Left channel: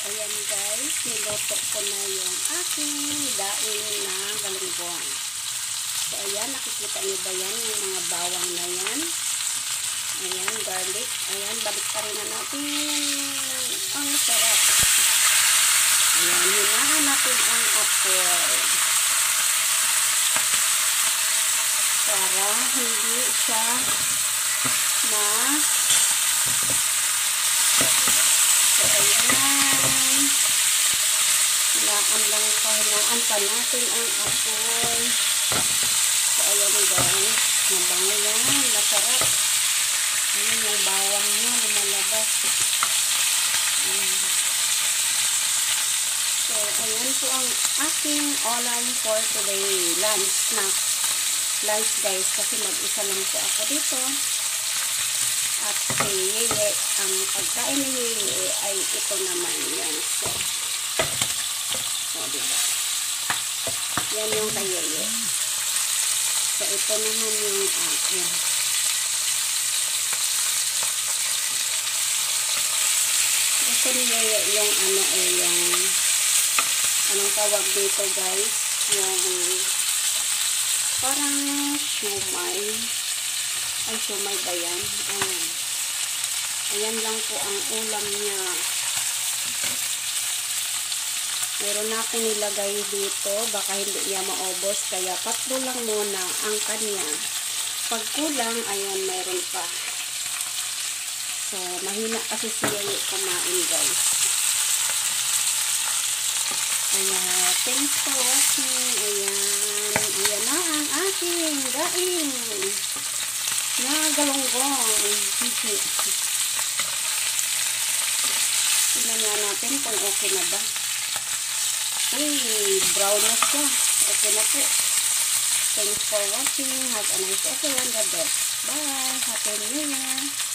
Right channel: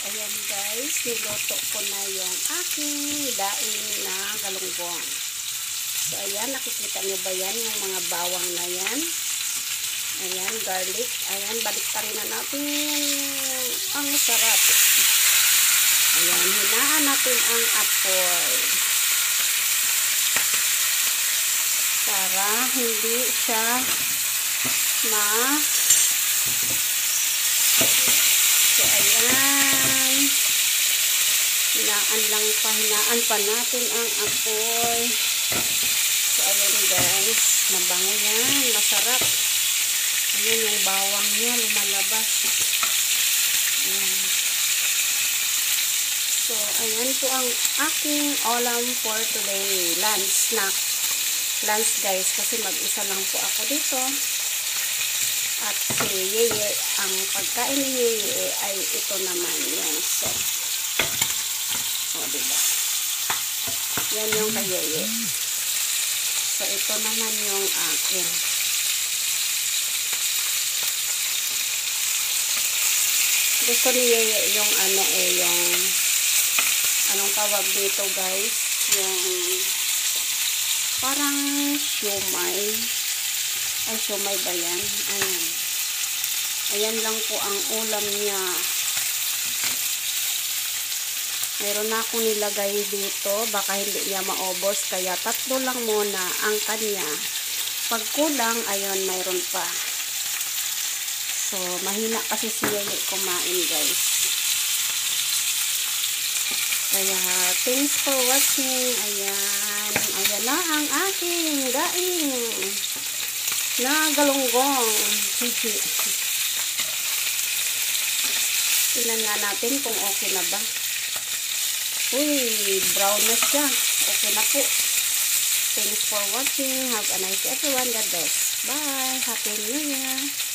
Ayan guys, niluto ko na yung aking daing na galunggong. So ayan, nakikita niyo ba yan, yung mga bawang na yan? Ayan, garlic. Ayan, baliktarin na natin. Ang sarap. Ayan, hinaan natin ang apoy. Para hindi siya So ayan. Hinaan pa natin ang apoy. So ayan guys, mabango yan, masarap. Ayan yung bawang niya lumalabas. Ayan. So ayan po ang aking ulam for today, lunch guys, kasi mag-isa lang po ako dito. At si Yeye, ang pagkain ni Yeye ay ito naman yung so diba? Yan yung kay Yeye. So ito naman yung akin. Gusto ni Yeye yung yung anong tawag dito guys, yung parang siomay. Ay, siomay ba yan? Ayan. Ayan lang po ang ulam niya. Meron na ako nilagay dito. Baka hindi niya maubos. Kaya 3 lang muna ang kanya. Pag kulang, ayun, meron pa. So, mahina kasi siya kumain, guys. Kaya, thanks for watching. Ayan. Ayan na ang aking daing na galunggong. Tingnan nga natin kung okay na ba. Uy, brown na siya. Okay na po. Thanks for watching. Have a nice day everyone. God bless. Bye. Happy New Year.